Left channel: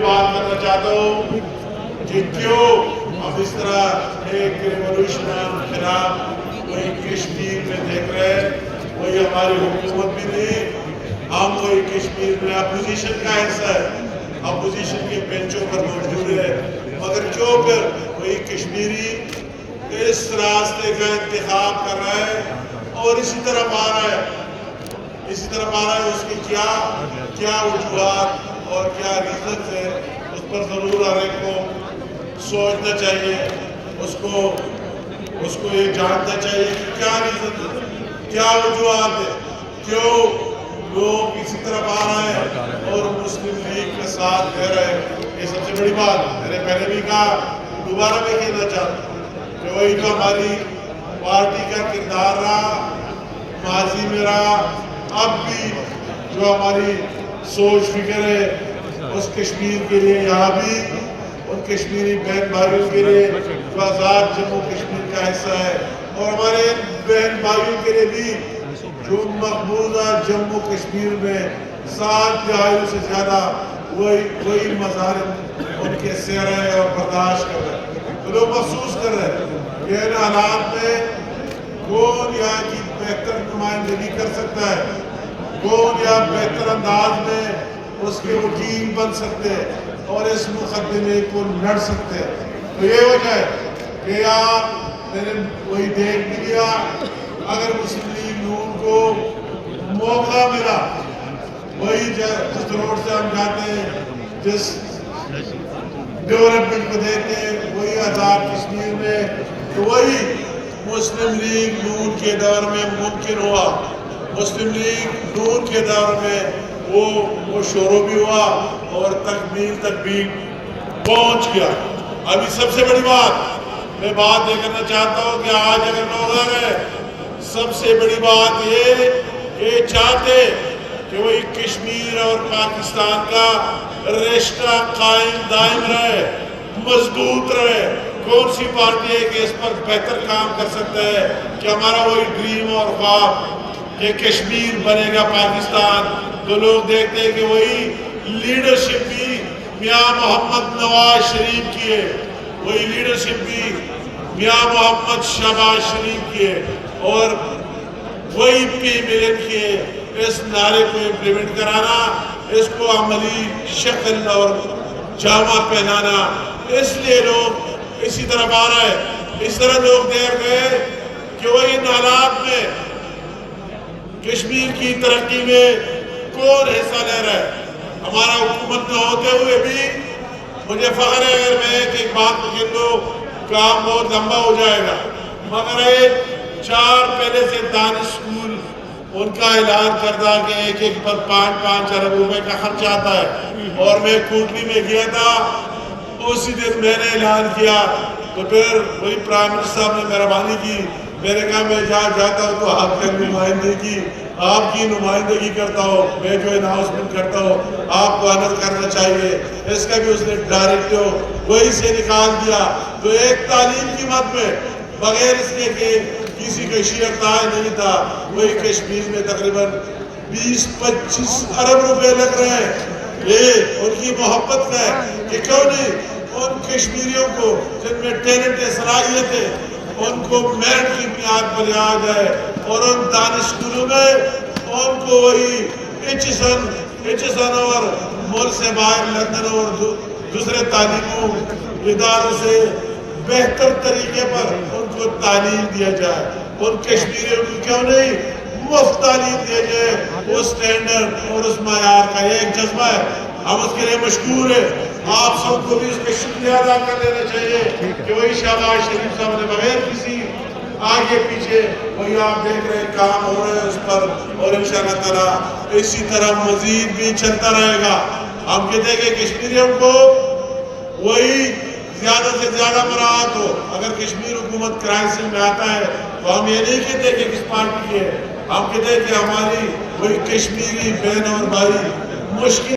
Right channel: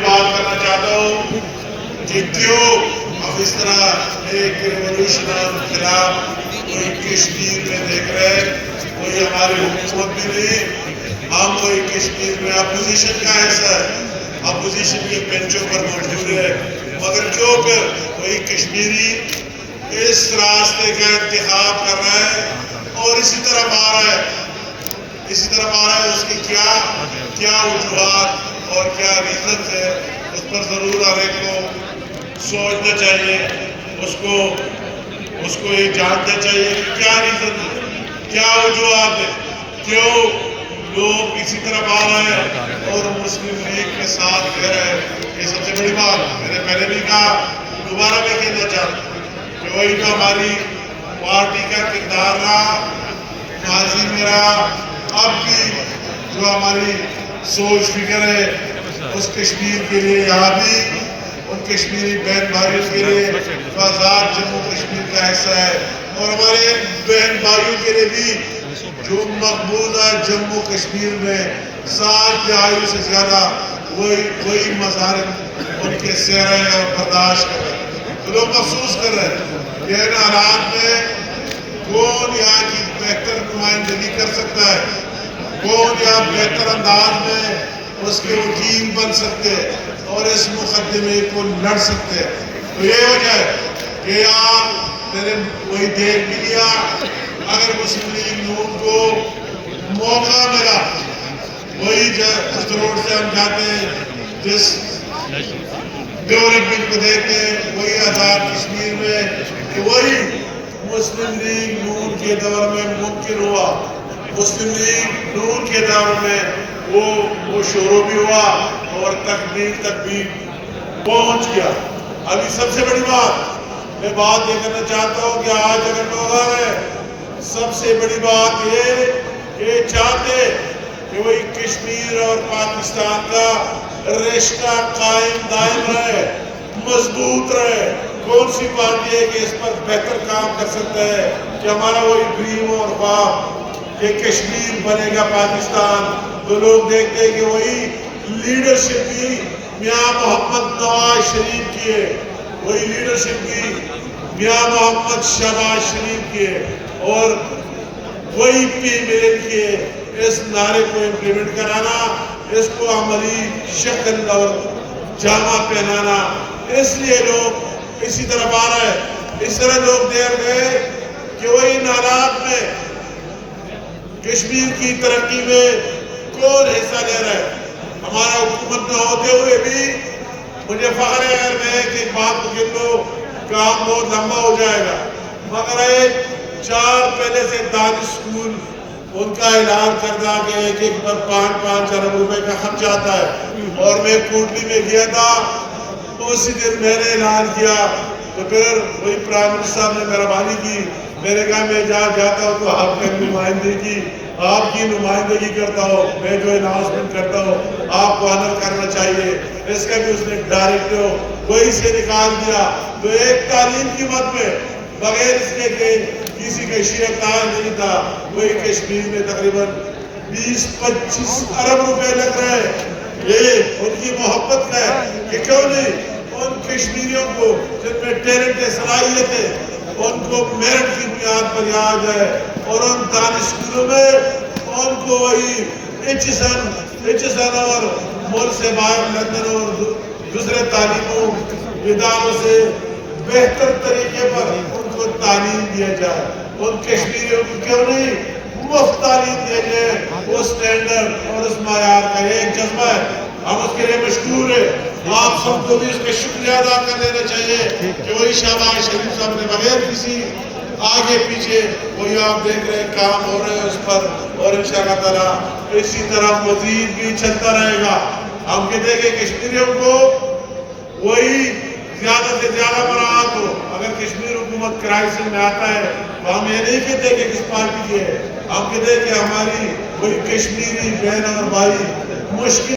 بات کرنا چاہتا ہوں کہ کیوں اب اس طرح ایک ریولوشن خلاف کوئی کشمیر میں دیکھ رہے ہیں، کوئی ہماری حکومت بھی نہیں، ہم کوئی کشمیر میں اپوزیشن کا حصہ ہے، اپوزیشن کے بینچوں پر موجود ہے، مگر کیوں کر کوئی کشمیری اس راستے کا انتخاب کر رہا ہے اور اسی طرف آ رہا ہے، اس کی کیا وجوہات اور کیا ریزنز ہے، اس پر ضرور ہر ایک کو سوچنا چاہیے، اس کو یہ جاننا چاہیے کہ کیا ریزن ہے، کیا وجوہات ہے، کیوں لوگ اسی طرف آ رہے ہیں اور مسلم لیگ کے ساتھ کہہ رہے ہیں۔ یہ سب سے بڑی بات میں نے پہلے بھی کہا، دوبارہ میں کہنا چاہتا ہوں کہ وہی جو ہماری پارٹی کا کردار رہا، ماضی میں رہا، اب بھی جو ہماری سوچ فکر ہے اس کشمیر کے لیے، یہاں بھی ان کشمیری بہن بھائیوں کے لیے جو آزاد جموں کشمیر کا حصہ ہے، اور ہمارے بہن بھائیوں کے لیے بھی جو مقبوضہ جموں کشمیر میں 7 دہائیوں سے زیادہ وہی مظاہر ان کے سہرے اور برداشت کر رہے ہیں، تو لوگ محسوس کر رہے ہیں کہ ان حالات میں کون یہاں کی بہتر نمائندگی کر سکتا ہے، کون یہاں بہتر انداز میں اس کے وکیل بن سکتے اور اس مقدمے کو لڑ سکتے۔ تو یہ وجہ ہے کہ یہاں میں نے وہی دیکھ بھی لیا، اگر مسلم لیگ نون کو موقع ملا، وہی جس روڈ سے ہم جاتے ہیں، جس ڈیولپمنٹ کو دیکھتے ہیں، وہی آزاد کشمیر میں کہ وہی مسلم لیگ نون کے دور میں ممکن ہوا، مسلم لیگ نون کے دور میں وہ شروع بھی ہوا اور تکمیل تک بھی پہنچ گیا۔ ابھی سب سے بڑی بات میں یہ کرنا چاہتا ہوں کہ آج اگر لوگ آ رہے ہیں، سب سے بڑی بات یہ چاہتے کہ وہی کشمیر اور پاکستان کا رشتہ قائم دائم رہے، مضبوط رہے۔ کون سی پارٹی ہے کہ اس پر بہتر کام کر سکتا ہے کہ ہمارا وہی ڈریم اور خواب کہ کشمیر بنے گا پاکستان، تو لوگ دیکھتے ہیں کہ وہی لیڈرشپ بھی میاں محمد نواز شریف کی ہے، وہی لیڈرشپ بھی میاں محمد شہباز شریف کی ہے، اور وہی پی ملن کی ہے۔ اس نعرے کو امپلیمنٹ کرانا، اس کو عملی شکل اور جامہ پہنانا، اس لیے لوگ اسی طرف آ رہے ہیں۔ اس طرح لوگ دیکھ گئے کہ وہی نالات میں کشمیر کی ترقی میں کون حصہ لے رہا ہے۔ ہمارا حکومت میں ہوتے ہوئے بھی مجھے فخر ہے اگر میں ایک بات کو کہہ دوں، کام بہت لمبا ہو جائے گا، مگر 4 پہلے سے دانش اسکول ان کا اعلان کرتا کہ ایک پر 5 ارب روپے کا خرچ آتا ہے، اور میں کوٹلی میں گیا تھا، اسی دن میں نے اعلان کیا، تو پھر وہی پرائم منسٹر صاحب نے مہربانی کی، میں نے کہا میں جہاں جاتا ہوں تو آپ کی نمائندگی کرتا ہوں، میں جو اناؤنسمنٹ کرتا ہوں آپ کو آنر کرنا چاہیے، اس کا بھی اس نے ڈائریکٹ وہی سے نکال دیا۔ تو ایک تعلیم کی مد میں بغیر اس کے کہ کسی کا شیعہ تاج نہیں تھا، وہی کشمیر میں تقریباً 20-25 ارب روپے لگ رہے ہیں۔ یہ ان کی محبت کا ہے کہ کیوں نہیں ان کشمیریوں کو جن میں ٹیلنٹ ہے، صلاحیت ہے، ان کو میرٹ کی بنیاد پر یاد ہے، اور ان دانش اسکولوں میں ان کو وہی ایچسن اور ملک سے باہر لندن اور دوسرے تعلیموں اداروں سے بہتر طریقے پر ان کو تعلیم دیا جائے۔ ان کشمیریوں کو کیوں نہیں مفت تعلیم دیا جائے، اس سٹینڈرڈ اور اس معیار کا یہ ایک جذبہ ہے، ہم اس کے لیے مشکور ہیں۔ آپ سب کو بھی اس کا شکریہ ادا کر دینا چاہیے کہ وہی شہباز شریف صاحب نے بغیر کسی آگے پیچھے وہی آپ دیکھ رہے ہیں کام ہو رہے ہیں اس پر، اور انشاءاللہ تعالیٰ اسی طرح مزید بھی چلتا رہے گا۔ ہم کہتے ہیں کہ کشمیریوں کو وہی زیادہ سے زیادہ مراعات ہو۔ اگر کشمیر حکومت کرائسس میں آتا ہے تو ہم یہ نہیں کہتے کہ کس پارٹی کی ہے، ہم کہتے ہیں کہ ہماری وہی کشمیری بہن اور بھائی مشکل